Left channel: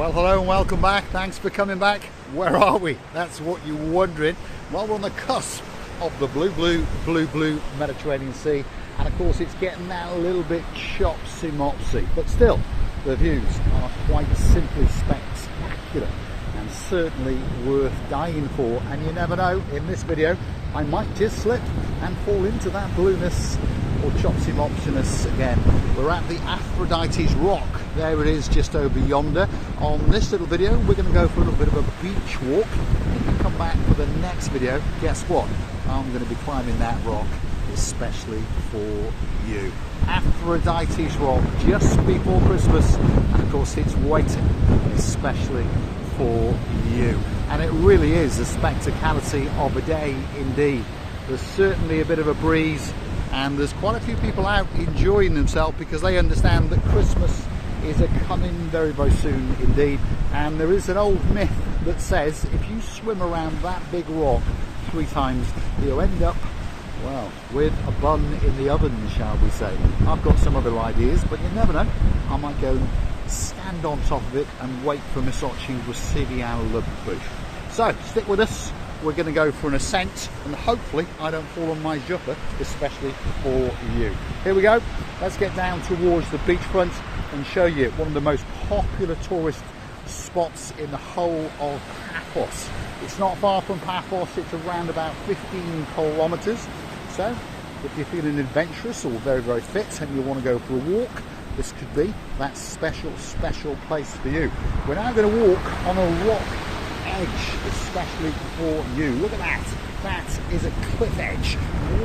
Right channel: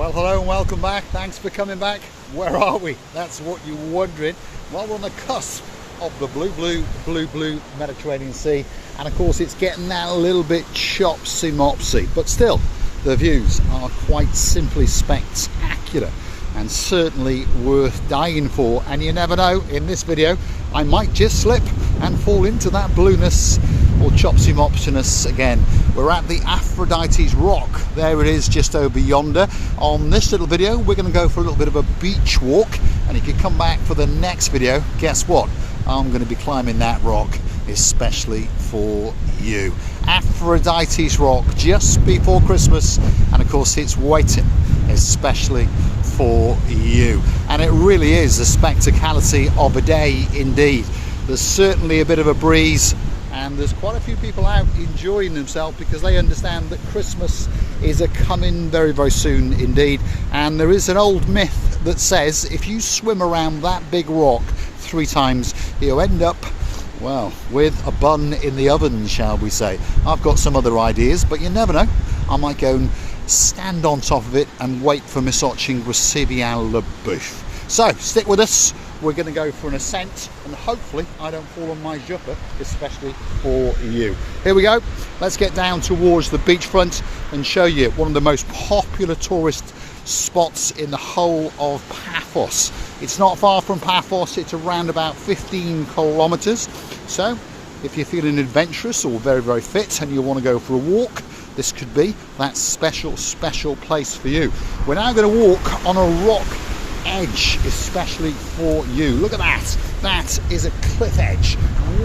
Well, hello and welcome back. Thanks for coming back. Where are we? That's what you're wondering. Well, we're on the cusp of the blue Mediterranean Sea, and of course it's getting that a little bit chopsy-mopsy, but still the views are quite simply spectacular and certainly worth dying for. And you never know, in this video I might just slip and fall into that blueness or chopsy-mopsiness again. We're at the Aphrodite's rock. There it is, just over yonder. On this little video we're going to go for a little bit of a beach walk, and if you come back for the next video, guess what? I'm going to be climbing that rock especially for you. Aphrodite's rock, just before Christmas, and of course it's waiting especially for you. And it really is a spectacality of a day indeed. There's certainly a bit of a breeze, and there's quite a few people out enjoying themselves because they understand that Christmas is coming very, very soon indeed. And there is an old myth that says if you swim around that big rock 3 times, you'll end up, well, with a bun in the oven, shall we say. I've got some other ideas, but you never know. I might go and stand on top of it and wait for Miss Otching Receiving le Bouffe. So stick with us. We're going to go for an ascent, and hopefully I don't fall on my jumper, especially for you. Here we go. Let's get down towards the beachfront and show you one of the most popular tourist spots in the whole of Paphos. It's not far from Paphos. It's around about 15 kilometers. So if you're feeling adventurous or very, very fit and you want to go for a walk, this could be that special place for you. We're now going to walk on a rock edge especially for you. Look at that. That is a cliff edge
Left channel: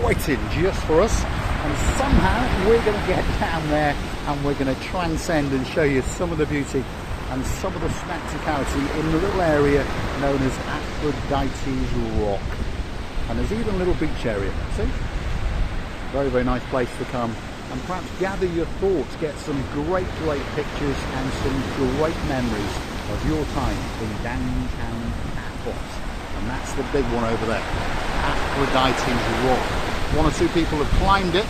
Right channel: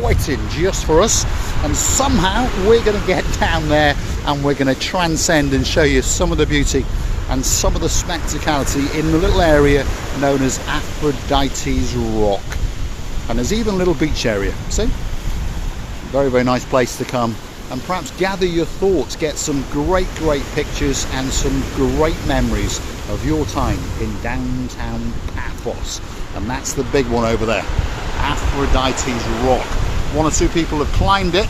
waiting just for us, and somehow we're going to get down there and we're going to transcend and show you some of the beauty and some of the spectacality in the little area known as Aphrodite's rock. And there's even a little beach area. See? Very, very nice place to come and perhaps gather your thoughts, get some great pictures and some great memories of your time in downtown Paphos. And that's the big one over there, Aphrodite's rock. 1 or 2 people have climbed it,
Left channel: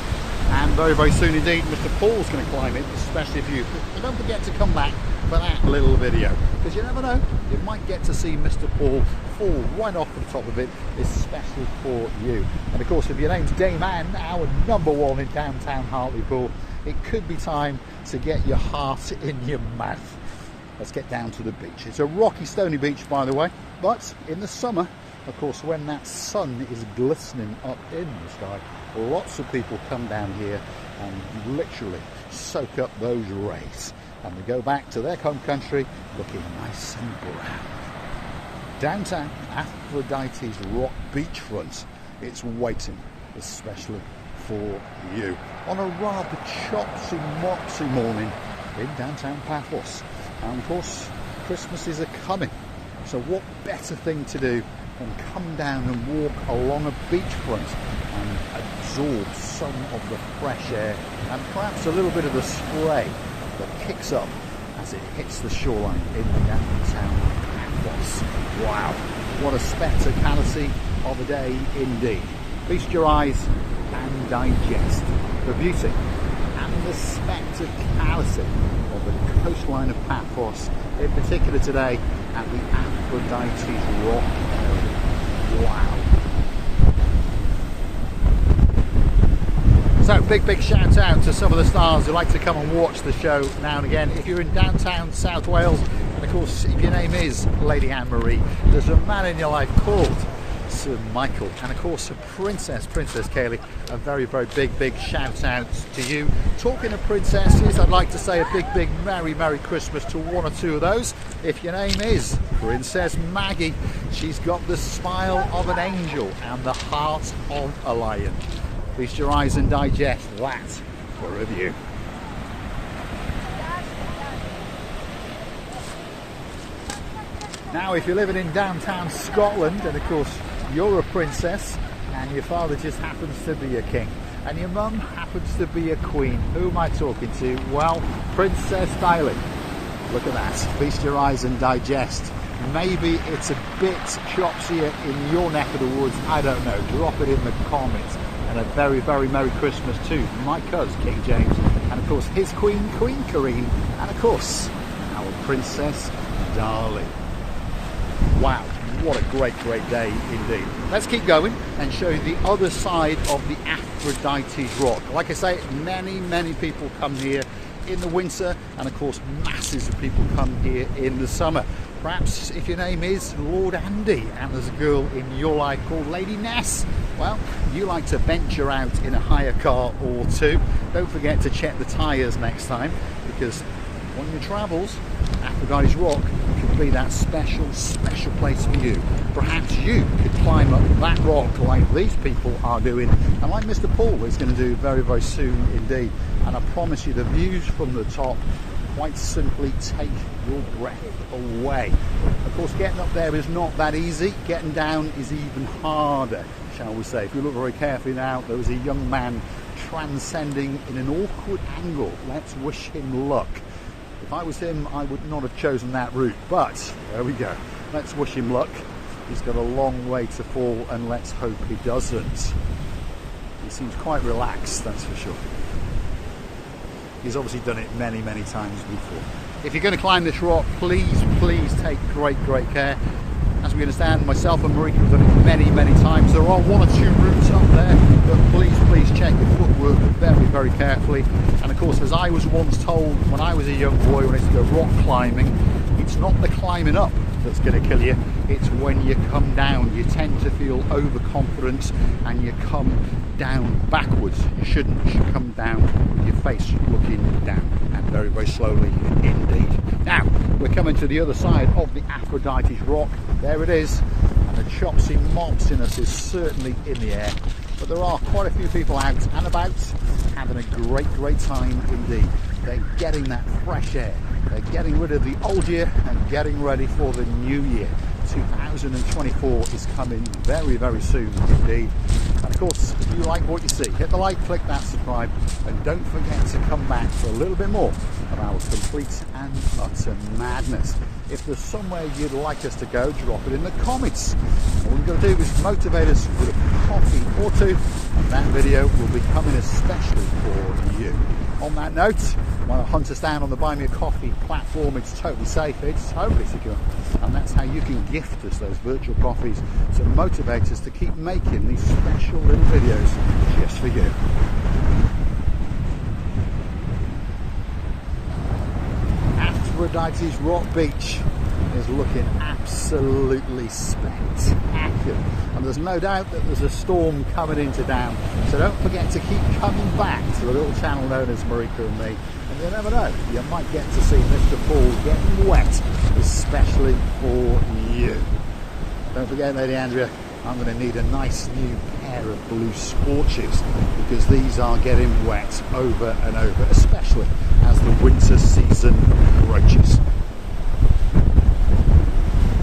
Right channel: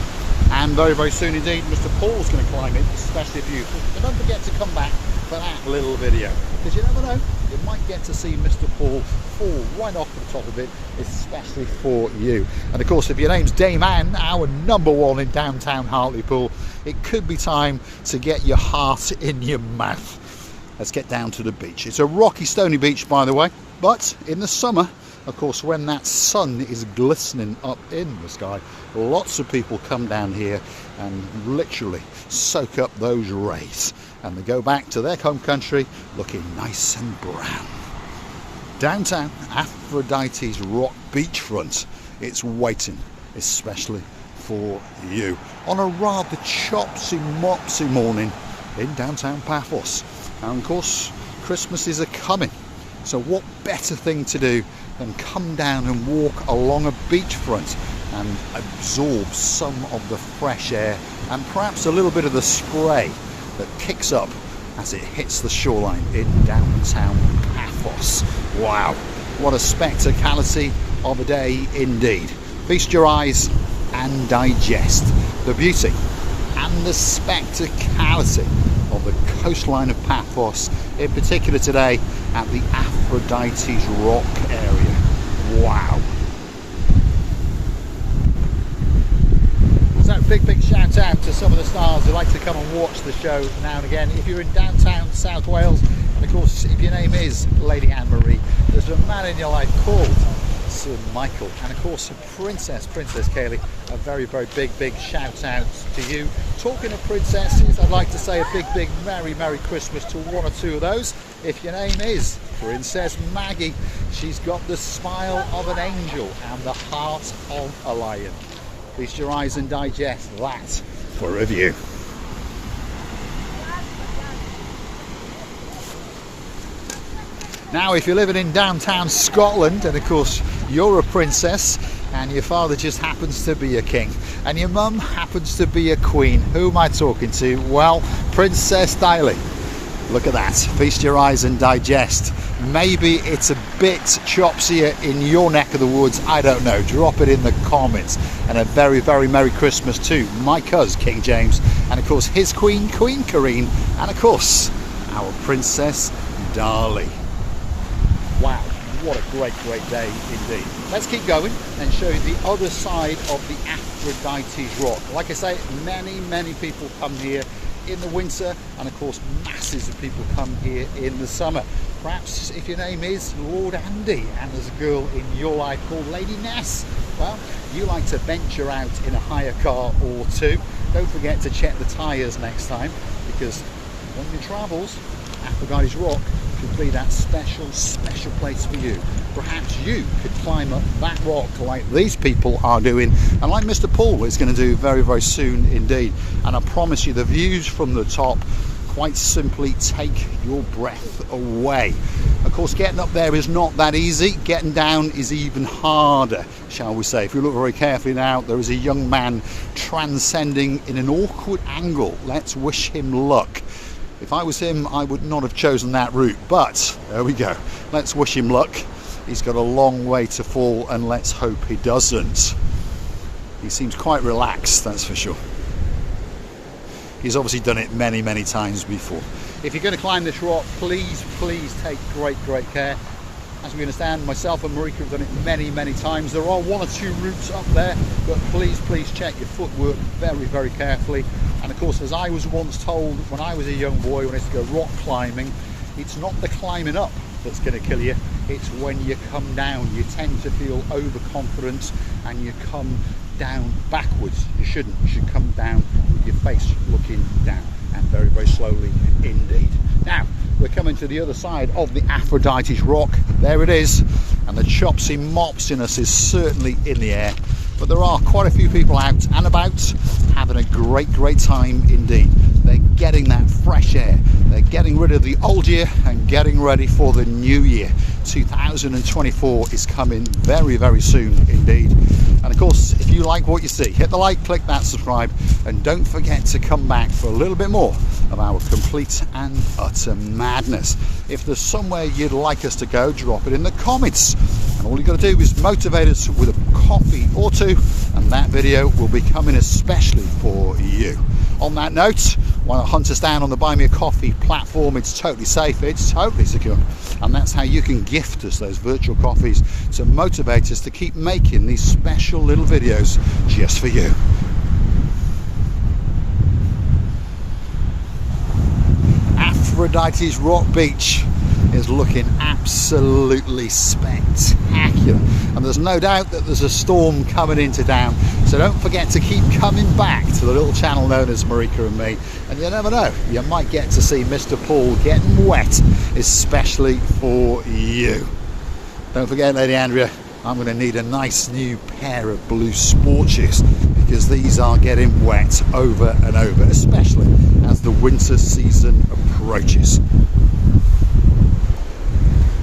and very, very soon indeed Mr. Paul's going to climb it, especially for you. So don't forget to come back for that little video, because you never know, you might get to see Mr. Paul fall right off the top of it, especially for you. And of course, if your name's Dame Anne, our #1 in downtown Hartlepool, it could be time to get your heart in your mouth. Let's get down to the beach. It's a rocky, stony beach, by the way, but in the summer, of course, when that sun is glistening up in the sky, lots of people come down here and literally soak up those rays, and they go back to their home country looking nice and brown. Downtown Aphrodite's rock beachfront, it's waiting especially for you on a rather chopsy-mopsy morning in downtown Paphos. And of course, Christmas is coming, so what better thing to do than come down and walk along a beachfront and absorb some of the fresh air and perhaps a little bit of the spray that kicks up as it hits the shoreline in downtown Paphos. Wow, what a spectacality of a day indeed. Feast your eyes and digest the beauty and the spectacality of the coastline of Paphos, in particular today at the Aphrodite's rock area. Wow. So big shout out to some of the stars who like to come and watch the show now and again. If you're in downtown South Wales, and of course if your name is Lady Anne-Marie, there's a man in your life called Sir Michael, and of course Princess Kaylee, a very big shout out to you. Talking of princesses, I'd like to say a big Merry Christmas to 1 or 2 of those. If your name is Princess Maggie, she's got the smile of an angel and the heart of a lion. Feast your eyes and digest that for review. Now, if you're living in downtown Scotland, and of course you're a princess and your father just happens to be a king and your mum happens to be a queen, who am I talking to? Well, Princess Daly. Look at that. Feast your eyes and digest. Maybe it's a bit chopsier in your neck of the woods, I don't know. Drop it in the comments. And a very Merry Christmas to my cousin King James, and of course his queen, Queen Karine, and of course our Princess Dali. Wow, what a great day indeed. Let's keep going and show you the other side of the Aphrodite's rock. Like I say, many people come here in the winter, and of course masses of people come here in the summer. Perhaps if your name is Lord Andy and there's a girl in your life called Lady Ness, well, you like to venture out in a hire car or two. Don't forget to check the tyres next time, because on your travels, Aphrodite's rock could be that special place for you. Perhaps you could climb up that rock like these people are doing, and like Mr. Paul is going to do very soon indeed. And I promise you, the views from the top quite simply take your breath away. Of course, getting up there is not that easy. Getting down is even harder, shall we say. If you look very carefully now, there is a young man transcending in an awkward angle. Let's wish him luck. If I was him, I would not have chosen that route, but there we go. Let's wish him luck. He's got a long way to fall, and let's hope he doesn't. He seems quite relaxed, that's for sure. He's obviously done it many times before. If you're going to climb this rock, please take great care. As we understand, myself and Marika have done it many times. There are one or two routes up there, but please check your footwork very carefully. And of course, as I was once told when I was a young boy, when I used to go rock climbing, it's not the climbing up that's going to kill you, it's when you come down. You tend to feel overconfident and you come down backwards. You shouldn't. You should come down with your face looking down, and very slowly indeed. Now we're coming to the other side of the Aphrodite's rock. There it is, and the Chopsy Mopsiness is certainly in the air, but there are quite a few people out and about having a great time indeed. They're getting that fresh air, they're getting rid of the old year and getting ready for the new year. 2024 is coming very soon indeed. And of course, if you like what you see, hit the like, click that subscribe, and don't forget to come back for a little bit more of our complete and utter madness. If there's somewhere you'd like us to go, drop it in the comments, and all you've got to do is motivate us with a coffee or two, and that video will be coming especially for you. On that note, want to hunt us down on the Buy Me a Coffee platform. It's totally safe, it's totally secure, and that's how you can gift us those virtual coffees to motivate us to keep making these special little videos just for you. Aphrodite's Rock Beach is looking absolutely spectacular, and there's no doubt that there's a storm coming into town, so don't forget to keep coming back to the little channel known as Marika and Me, and you never know, you might get to see Mr. Paul getting wet especially for you. Don't forget, Lady Andrea, I'm going to need a nice new pair of blue sport shoes, because these are getting wet over and over, especially as the winter season approaches.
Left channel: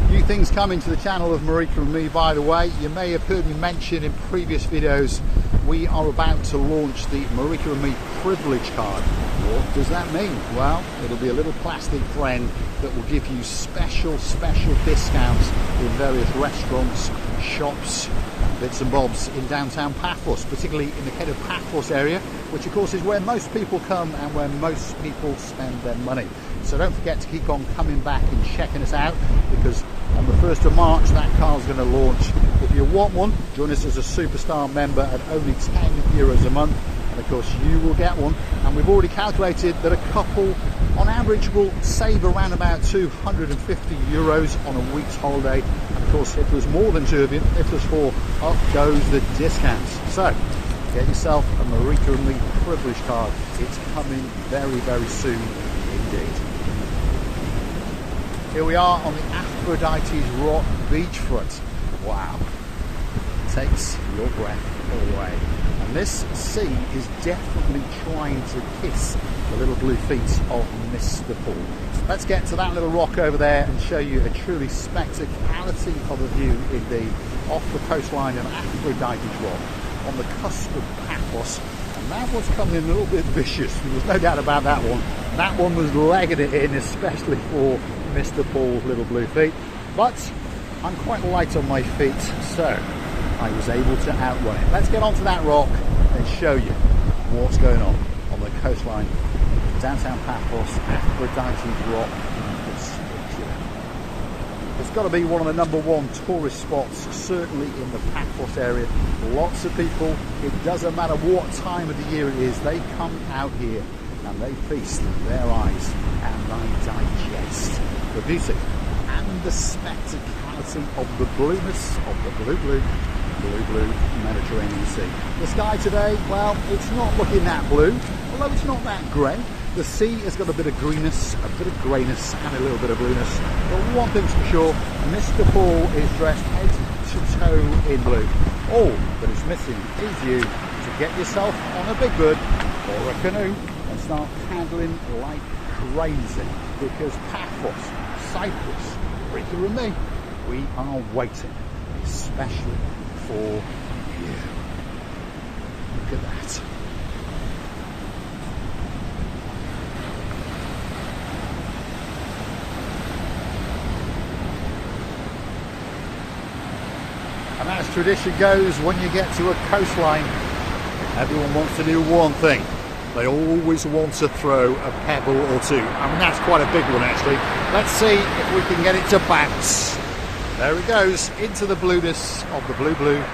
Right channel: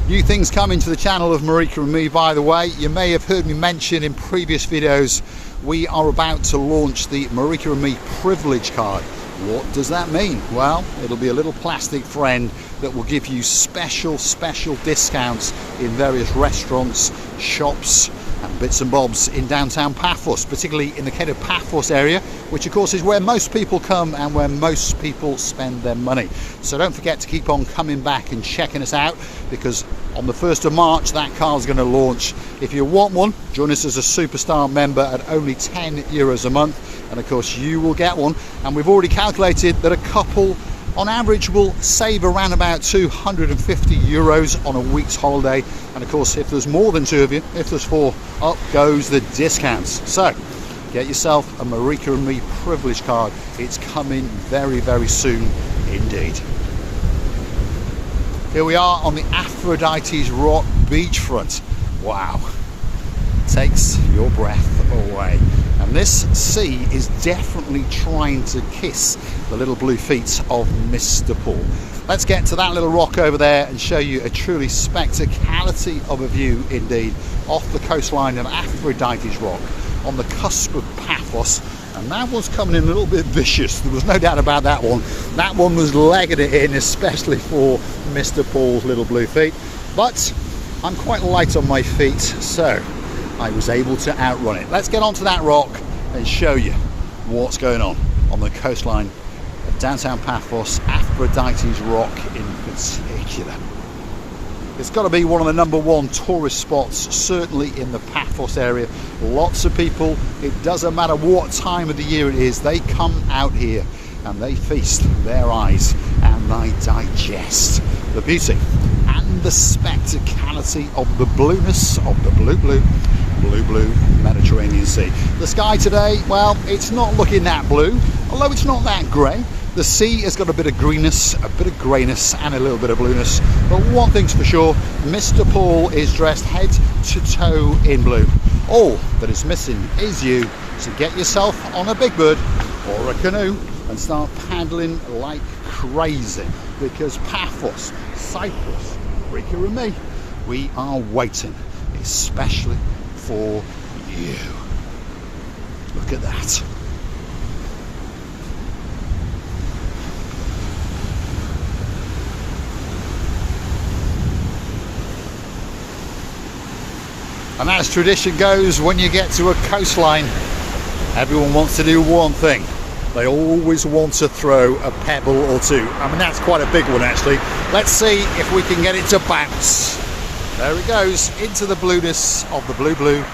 New things coming to the channel of Marika and Me, by the way. You may have heard me mention in previous videos, we are about to launch the Marika and Me privilege card. What does that mean? Well, it'll be a little plastic friend that will give you special discounts in various restaurants, shops, and bits and bobs in downtown Paphos, particularly in the Cape of Paphos area, which of course is where most people come and where most people spend their money. So don't forget to keep on coming back and checking us out, because on the 1st of March that card's going to launch. If you want one, join us as a superstar member at only €10 a month, and of course you will get one. And we've already calculated that a couple on average will save around about €250 on a week's holiday, and of course if there's more than two of you, if there's four, up goes the discounts. So get yourself a Marika and Me privilege card. It's coming very soon indeed. Here we are on the Aphrodite's Rock beachfront. Wow, takes your breath away. And this sea is definitely trying to kiss the little blue feet of Mr. Paul. Let's get to that little rock over there and show you a truly spectacularity of a view indeed, off the coastline of Aphrodite's Rock, on the cusp of Paphos. And that was coming in a little bit vicious, there was no doubt about that one. That one was legging it in, especially for Mr. Paul's little blue feet. But I'm quite light on my feet, so I was able to outrun it. Let's get onto that rock and show you what's going on the coastline of downtown Paphos, Aphrodite's Rock in particular. It's got to be one of the #1 tourist spots, certainly in the Paphos area. Lots of people, it doesn't matter what time of the year it is, they come out here and they feast their eyes and they digest the beauty and the spectacality of the blueness of the blue Mediterranean Sea. The sky today, well, it's not looking that blue, although it's not that grey. The sea has got a bit of greenness, a bit of greyness and a little bit of blueness. But one thing's for sure, Mr. Paul is dressed head to toe in blue. All that is missing is you. So get yourself on a big bird or a canoe and start paddling like crazy, because Paphos, Cyprus, Marika and me, we are waiting, especially for you. Look at that. And as tradition goes, when you get to a coastline, everyone wants to do one thing. They always want to throw a pebble or two. I mean, that's quite a big one, actually. Let's see if we can get it to bounce. There it goes, into the blueness of the blue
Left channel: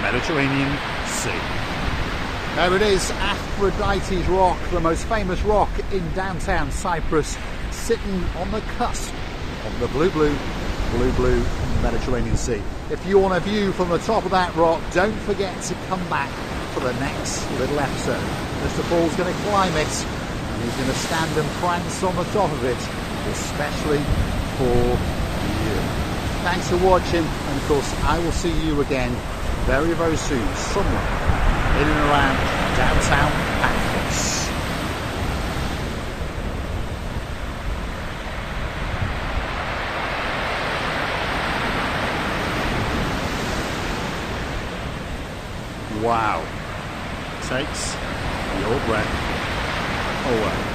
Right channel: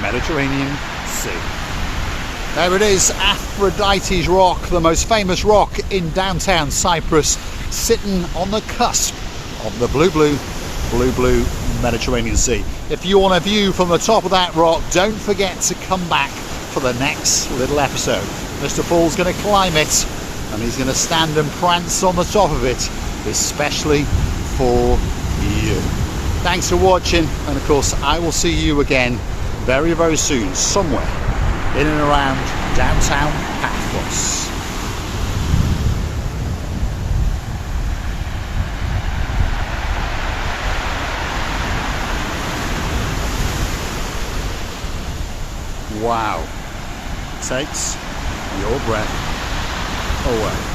Mediterranean Sea. There it is, Aphrodite's rock, the most famous rock in downtown Cyprus, sitting on the cusp of the blue Mediterranean Sea. If you want a view from the top of that rock, don't forget to come back for the next little episode. Mr. Paul's going to climb it and he's going to stand and prance on the top of it, especially for you. Thanks for watching, and of course I will see you again very, very soon, somewhere in and around downtown Paphos. Wow, takes your breath away.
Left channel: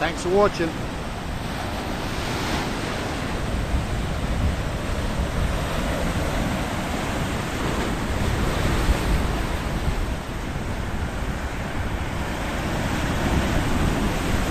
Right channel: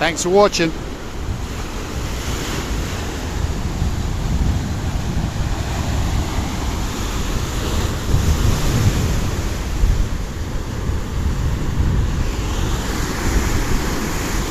Thanks for watching.